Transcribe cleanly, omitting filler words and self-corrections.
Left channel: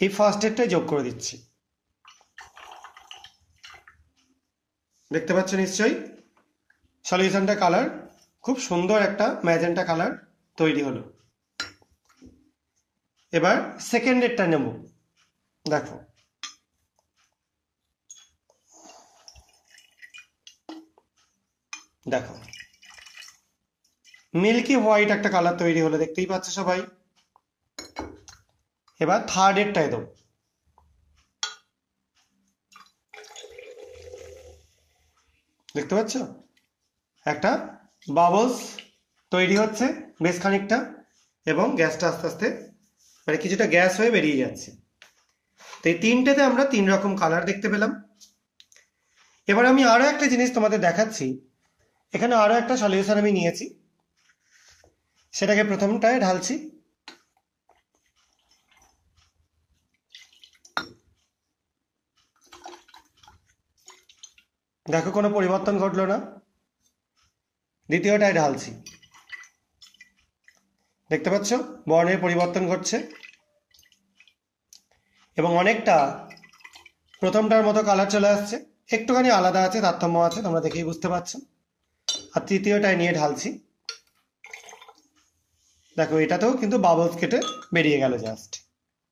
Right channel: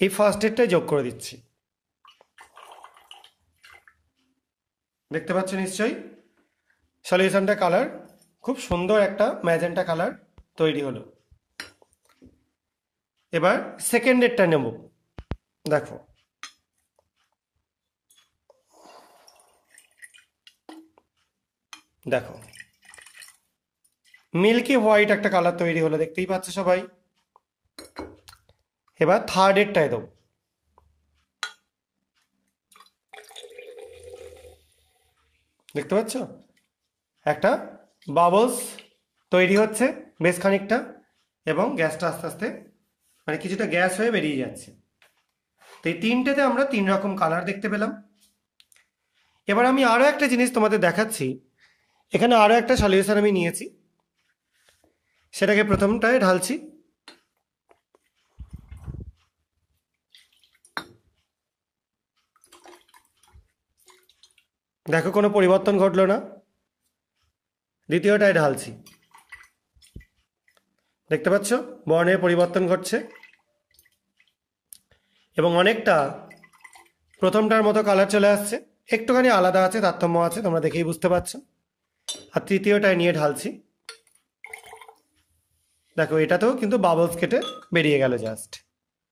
এই ফার্স্ট এডটাই যোগ করে দিচ্ছি। দেখতে পাচ্ছ নিশ্চয়ই সলিউশনটা কালার খুব সুন্দর একটা ম্যাজেন্টা কালার তৈরি হলো। এবার সেকেন্ড এডটা নেব। দেখো দেখো মিল্কি হোয়াইট একটা কালার তৈরি হলো, দেখতেই পাচ্ছ সবাই। এবার থার্ড এডটায় দেবো। দেখতে পাচ্ছ একটা বাবলস তৈরি হচ্ছে বেশ খানিকটা, এবং গ্যাসটা আস্তে আস্তে মানে কিছুটা গ্যাস হয়ে বেরিয়ে যাচ্ছে। তো এই তিনটেতে আমরা তিন রকম কালার দেখতে পেলাম। এবার আমি আরো একটা জিনিস তোমাদের দেখাচ্ছি। এখানে আরো একটা সলিউশন আমি নিয়েছি, সেটাকে প্রথমটায় ঢালছি। দেখো কোনো পরিবর্তন ঘটলো না। দ্বিতীয়টায় ঢালছি, দেখতে পাচ্ছ বর্ণের পরিবর্তন ঘটছে, এবং অনেকটা প্রথমটার মতো কালার চলে আসছে। একটুখানি আলাদা আছে, তারতম্য আছে, তোমরা দেখেই বুঝতে পারছো। আর তৃতীয়টায় নিয়ে ঢালছি। দেখো এটাতেও কিন্তু বাবলস কেটে বেরিয়ে গেল জাস্ট।